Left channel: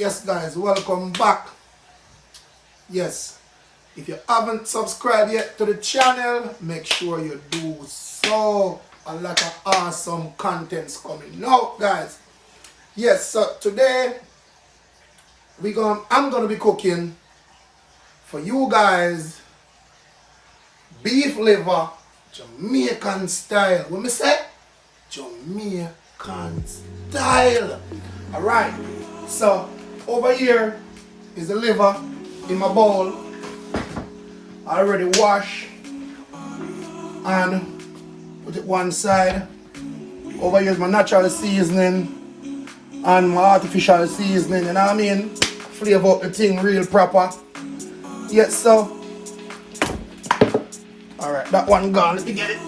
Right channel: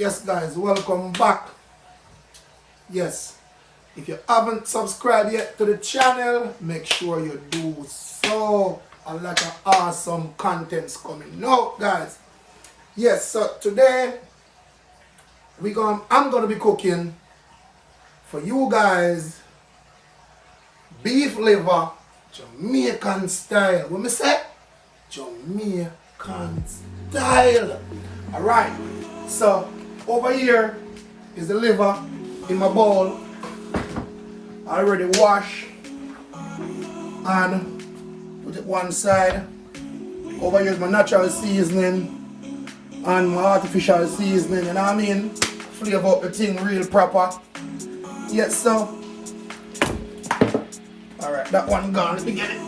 Yes guys, welcome back. Yes, if you haven't subscribed yet to the channel, make sure you do so. A lot of awesome contents coming out, guys. Yes, so today I'm gonna be cooking for you guys beef liver Jamaican style. What me say? Jamaican style. Alright, so over here is the liver in my bowl. I already washed and put it one side. Over here is my natural seasoning and my artificial seasoning, you know what I mean? Flavor up the thing real proper. Yes, so. Alright, that one gone, let me get it.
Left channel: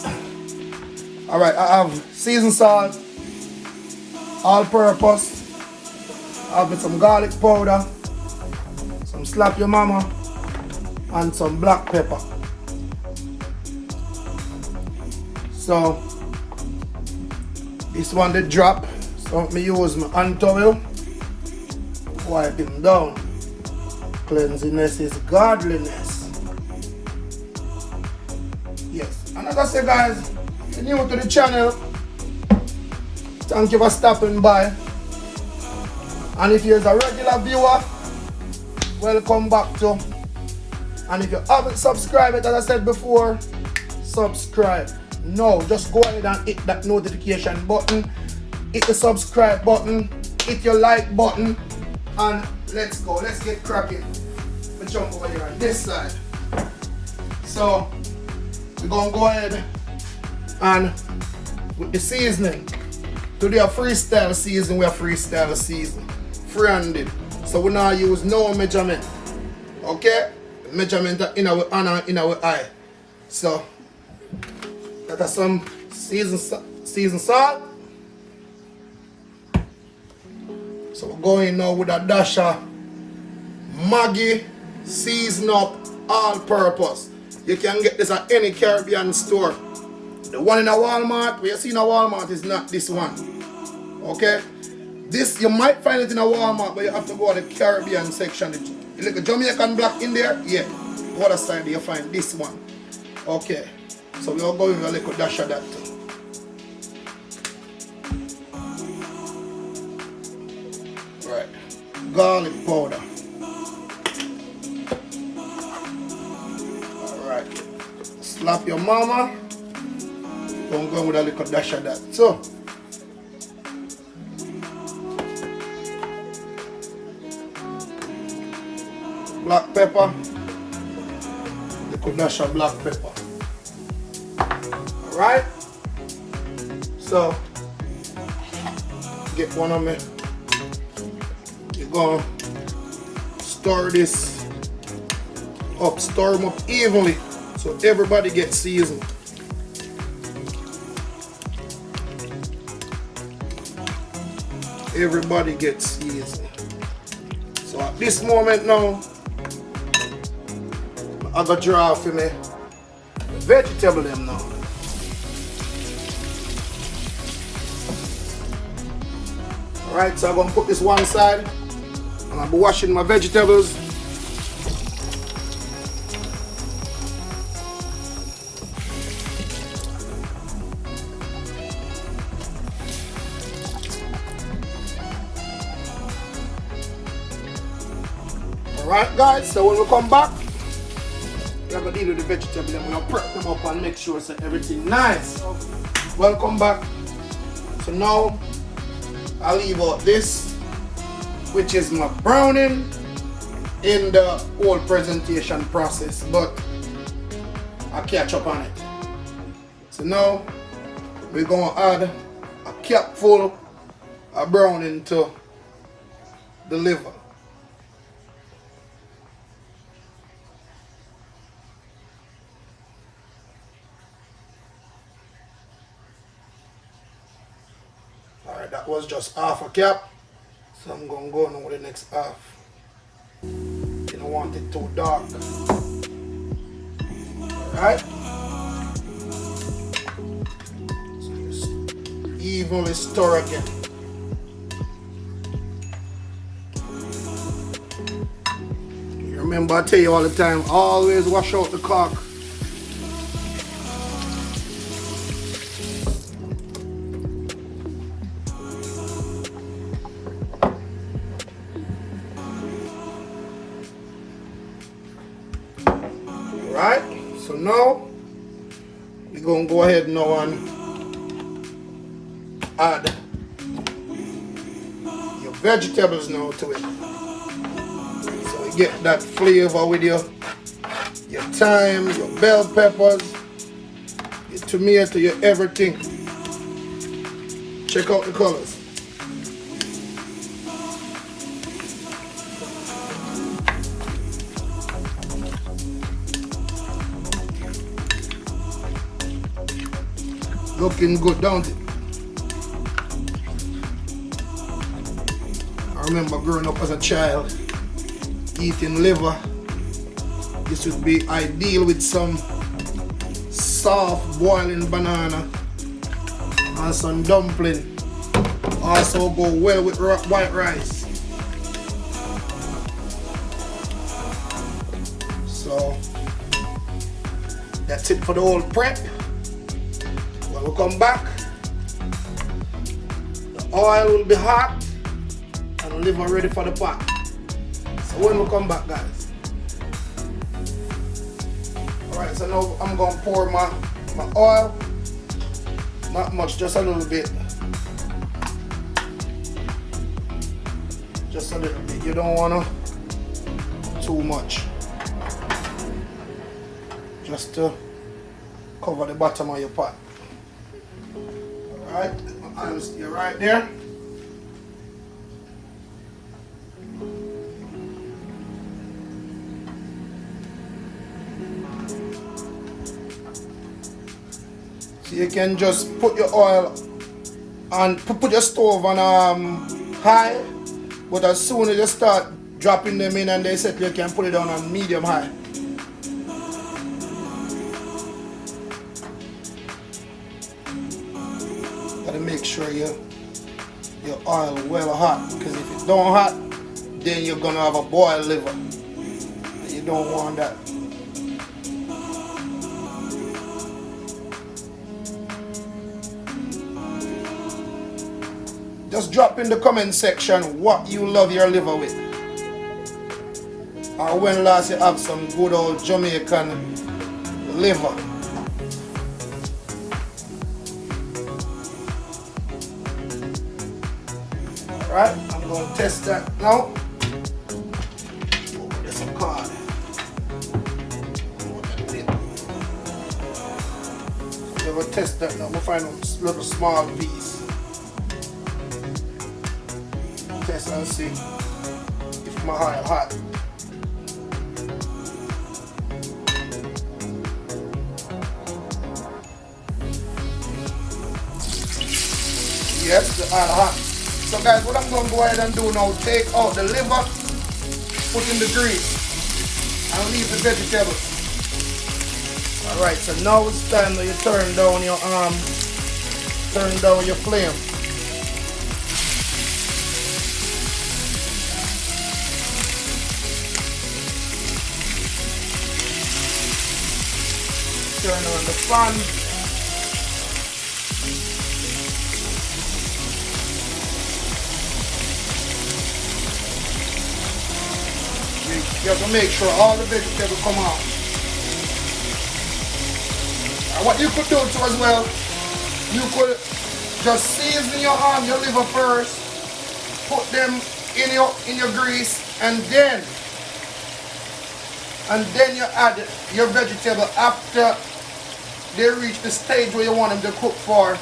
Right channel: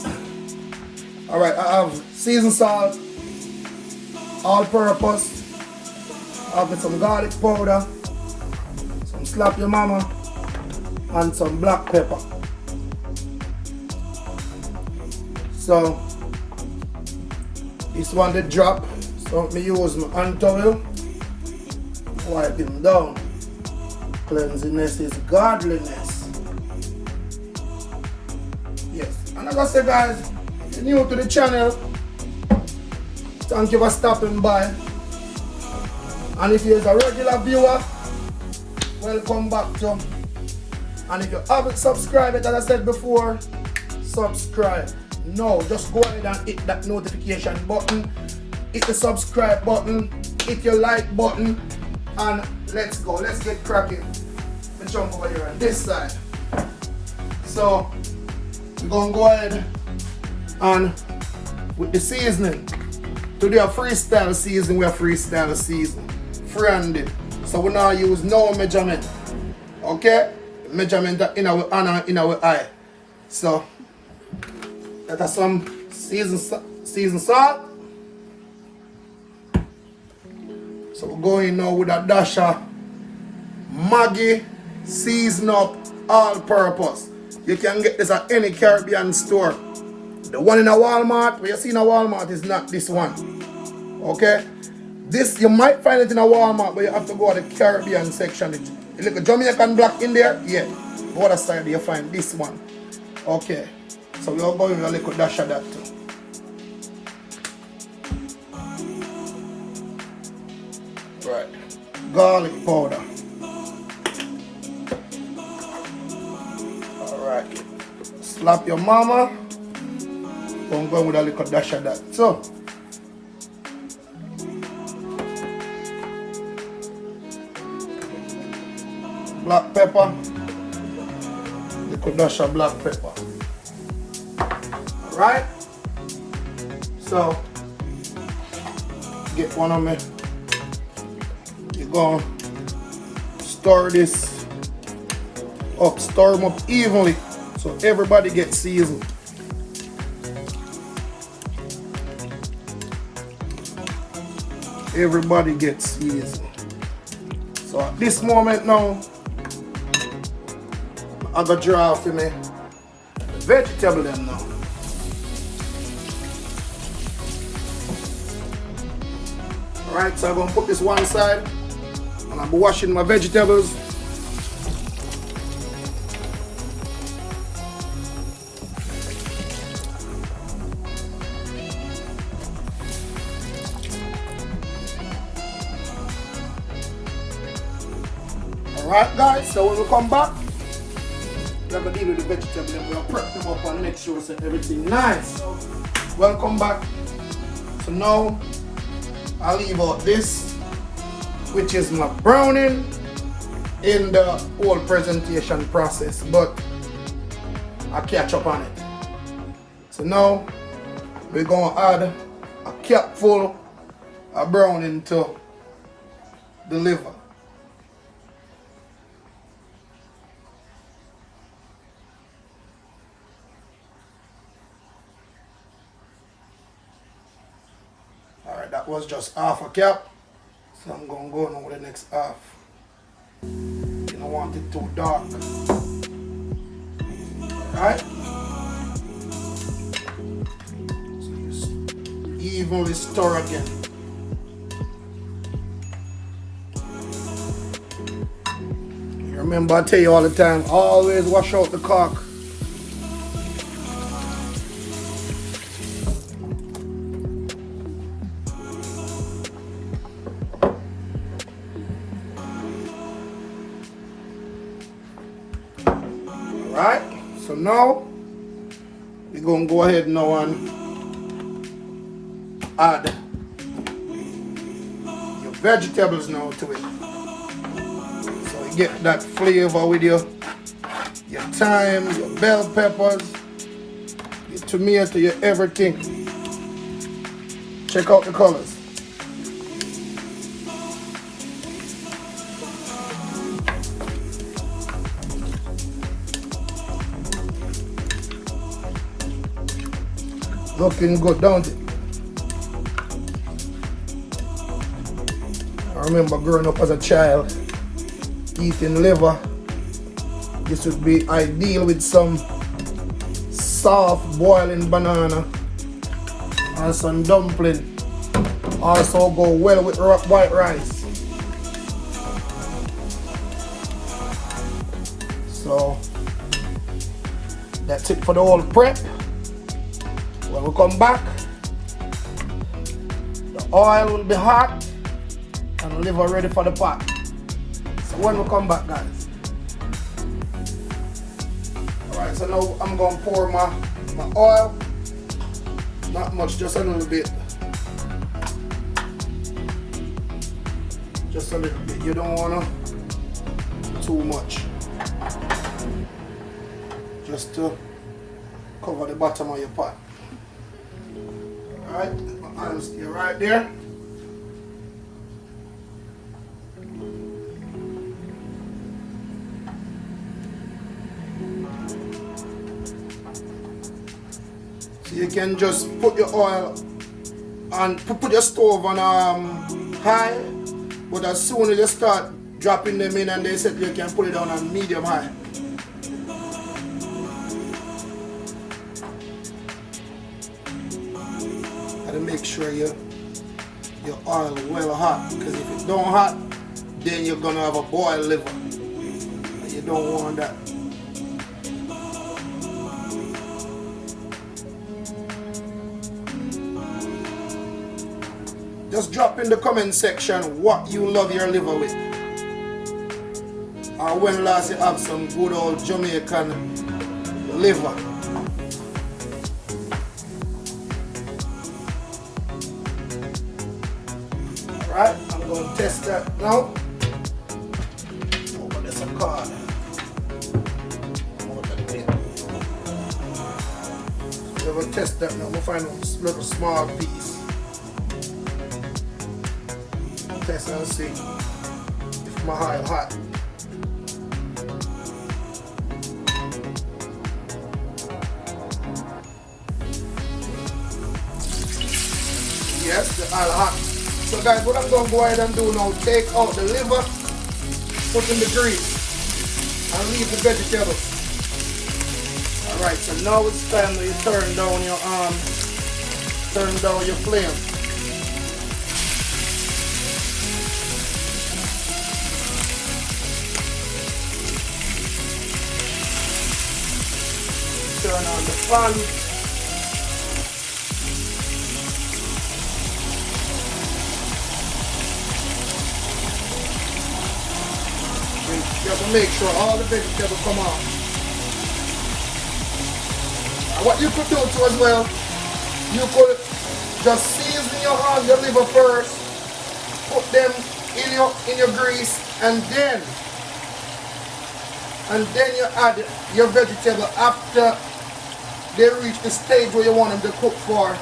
Alright, I have seasoned salt, all purpose. I have some garlic powder, some slap your mama, and some black pepper. So, this one they drop, so me use my hand towel, wipe him down. Cleanliness is godliness. Yes, and like I say guys, if you're new to the channel, thank you for stopping by. And if you're a regular viewer, welcome back too. And if you haven't subscribed yet, as I said before, subscribe. No, just go ahead and hit that notification button, hit the subscribe button, hit your like button, and let's go. Let's get cracking. Let me jump over here on this side. So we're gonna go ahead and with the seasoning. Today a freestyle season, we are freestyle season. Free-handed. So we now use no measurement. Okay? Measurement in our hand, in our eye. So that is some seasoned salt. So we're going now with a dash of Maggi season up all purpose. You can get this at any Caribbean store. The one in a Walmart, what you see in a Walmart is not this one. Okay? This, you might find it in a Walmart, but you have to go to the Caribbean section. You look at Jamaican black in there, yeah. Go other side, you find this one. Okay. So we are going with a little dash of that too. Right. Garlic powder. Alright. Slap your mama. I'm going with a little dash of that. So black pepper, little dash of black pepper. Alright? So get one of me. You're gonna stir this up, stir them up evenly so everybody gets seasoned. Everybody gets seasoned. So at this moment now, I got draw for me vegetable them now. Alright, so I'm gonna put this one side and I'll be washing my vegetables. Alright guys, so when we come back, we're going to deal with the vegetable and we're going to prep them up and make sure so everything nice. So, welcome back. So now, I'll leave out this, which is my browning in the whole presentation process, but I'll catch up on it. So now, we're going to add a capful of browning to the liver. Alright, that was just half a cap. So I'm going to go now with the next half. You don't want it too dark. Alright? So just evenly stir again. Remember, I tell you all the time, always wash out the cork. Right? So now, we're going to go ahead now and add your vegetables now to it. So you get that flavor with your thyme, your bell peppers, your tomato, your everything. Check out the colors. Looking good, don't it? I remember growing up as a child, eating liver. This would be ideal with some soft boiling banana and some dumpling. Also go well with white rice. So that's it for the whole prep. When we come back, the oil will be hot and the liver ready for the pot. So when we come back, guys. Alright, so now I'm going to pour my oil. Not much, just a little bit. Just a little bit. You don't want to too much. Just to cover the bottom of your pot. Alright, my hands stay right there. So you can just put your oil and put your stove on high, but as soon as you start dropping them in and they set, you can put it on medium high. Gotta make sure your oil well hot, because if it's don't hot, then you're gonna have a boiled liver. You don't want that. Just drop in the comment section what you love your liver with. Or when last you have some good old Jamaican liver. Alright, I'm going to test that now. Oh, but there's a card. You will test that now. We'll find a little small piece. Test and see if my oil hot. Yes, the oil hot. So guys, what I'm going to go ahead and do now, take out the liver, put in the grease, and leave the vegetables. Alright, so now it's time that you turn down your flame. Turn on the pan. You have to make sure all the vegetables come out. And what you could do too as well, you could just season your liver first, put them in your grease, and then you add your vegetable after they reach the stage where you want them to cook for.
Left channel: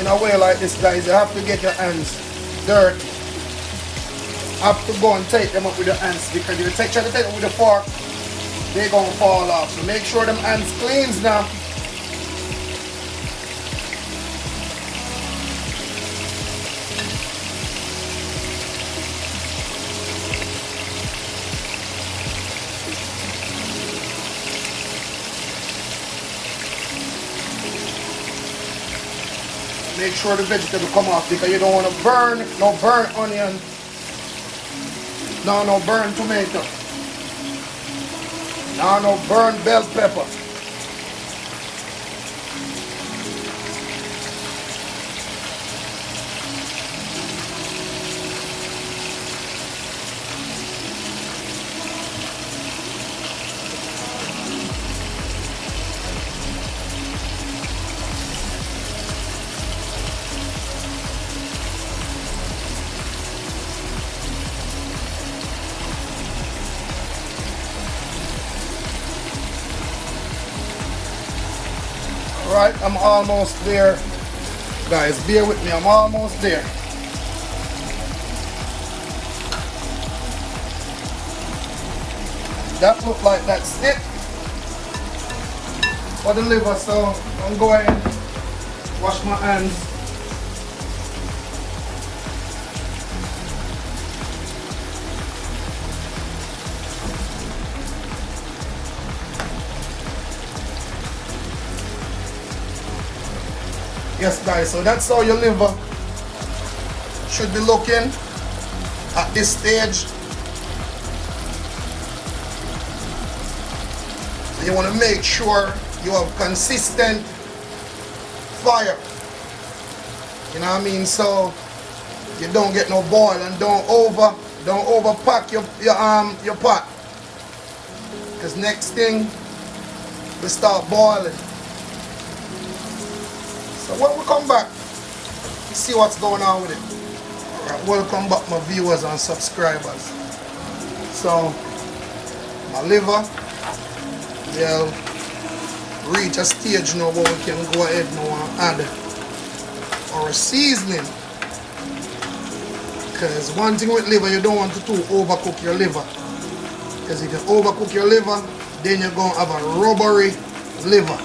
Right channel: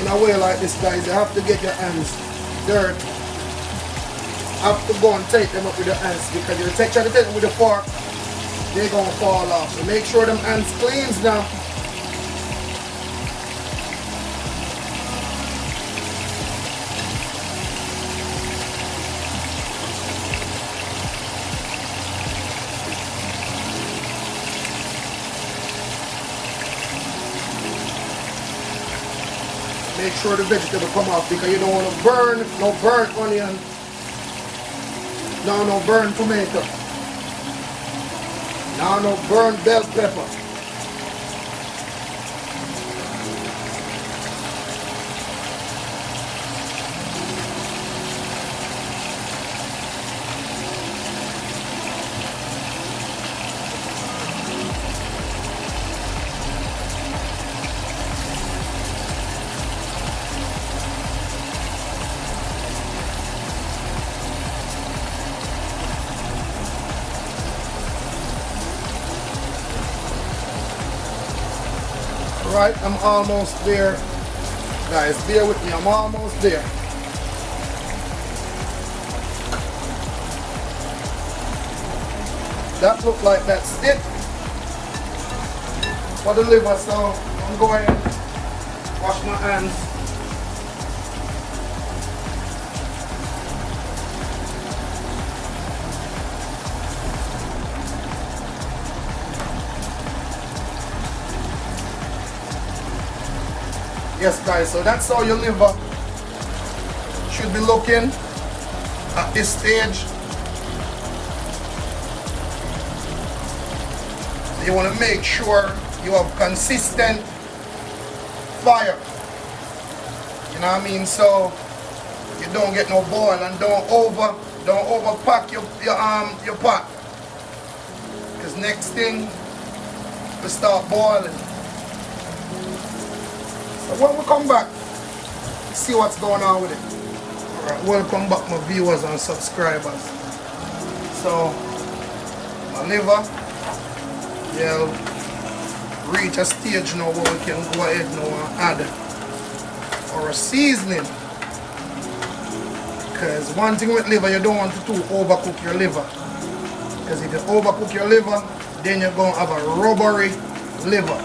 In a way like this, guys, you have to get your hands dirty. You have to go and take them up with your hands, because if you try to take them with the fork, they're going to fall off. So make sure them hands cleans now. Make sure the vegetable come off because you don't want to burn, no burnt onion, no burnt tomato, no burnt bell pepper. Right, I'm almost there. Guys, bear with me, I'm almost there. That look like that stick for the liver, so I'm going to wash my hands. Yes guys, so that's how your liver should be looking at this stage. You want to make sure you have consistent fire. You know what I mean? So you don't get no boil and don't overpack your pot. Because next thing we start boiling. So when we come back, see what's going on with it. Alright, welcome back my viewers and subscribers. So my liver will reach a stage now where we can go ahead now and add our seasoning. Because one thing with liver, you don't want to overcook your liver. Because if you overcook your liver, then you're going to have a rubbery liver.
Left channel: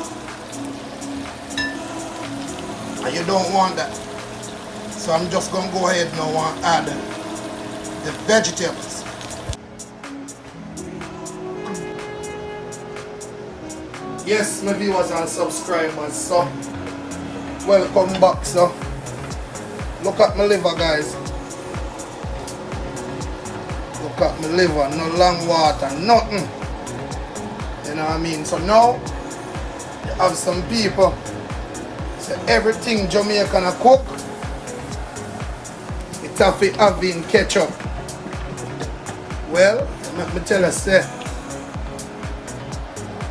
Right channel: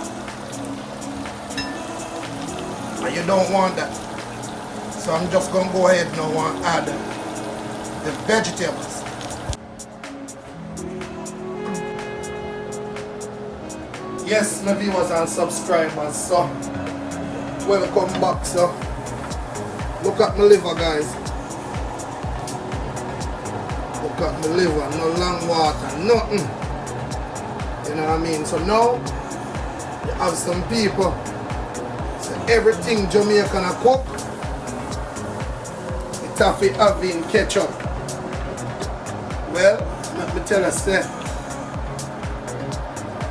And you don't want that. So I'm just going to go ahead now and add the vegetables. Yes, my viewers and subscribers, so welcome back. So look at my liver, guys. Look at my liver, no lamb water, nothing. You know what I mean? So now you have some people. Everything Jamaican cook, it have to have in ketchup. Well, let me tell you, say,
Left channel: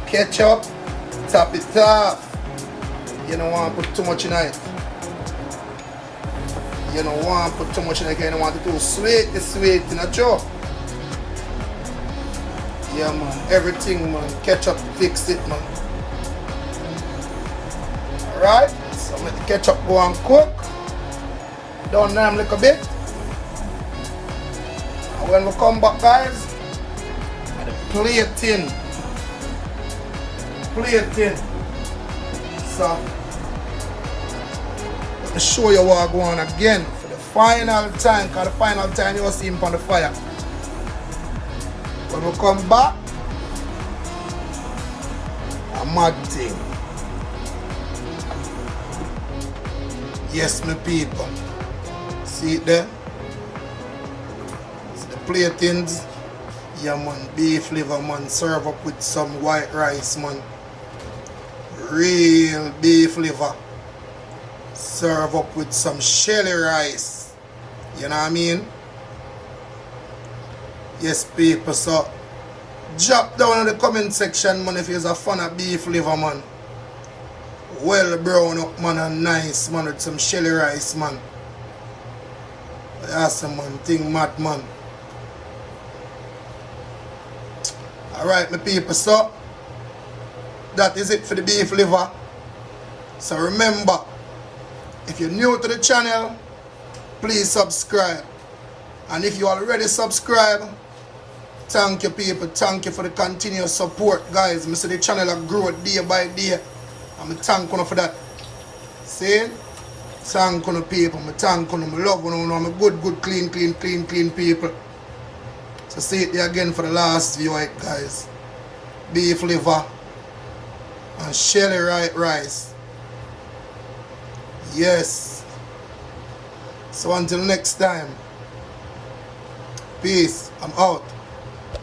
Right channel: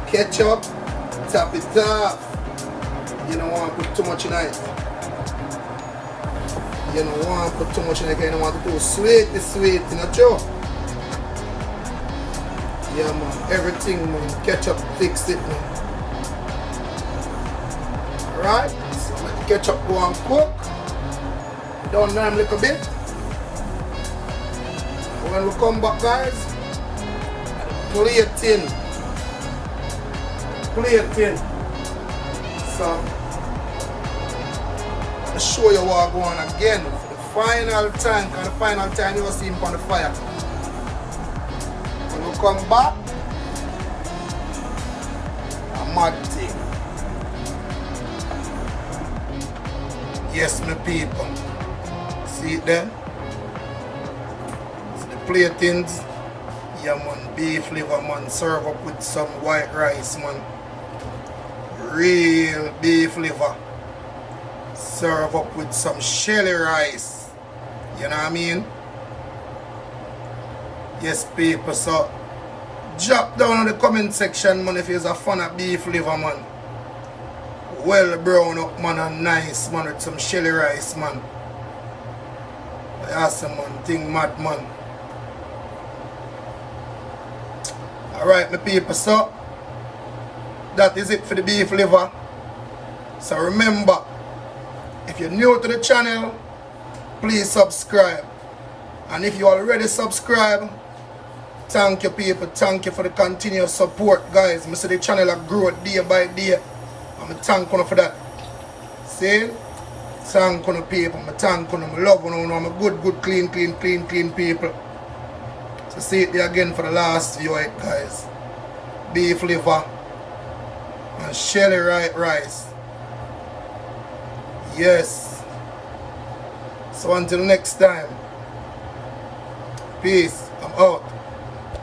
ketchup, top it off. You don't want to put too much in it. You don't want to put too much in it. You don't want to do sweet, you know, Joe. Yeah, man, everything, man, ketchup fix it, man. Alright? So let the ketchup go and cook. Down there a little bit. And when we come back, guys, plating. So I'll show you what I'm going again for the final time, because the final time you'll see him on the fire. When we come back, a mad thing. Yes, my people. See it there? It's the platings. Yeah, man. Beef liver, man. Serve up with some white rice, man. Real beef liver. Serve up with some shelly rice. You know what I mean? Yes, people. So, drop down in the comment section, man, if you're a fan of beef liver, man. Well brown up, man, and nice, man, with some shelly rice, man. Awesome, man. Thing mad, man. Alright, my people, so that is it for the beef liver. So remember, if you're new to the channel, please subscribe. And if you already subscribe, thank you, people. Thank you for the continuous support, guys. I see the channel grow day by day. I'm thank you for that. See? Thank you, people. I thank you. I love you. I'm a good, clean people. So see it there again for the last view, guys. Beef liver and shelly rice. Yes. So until next time, peace. I'm out.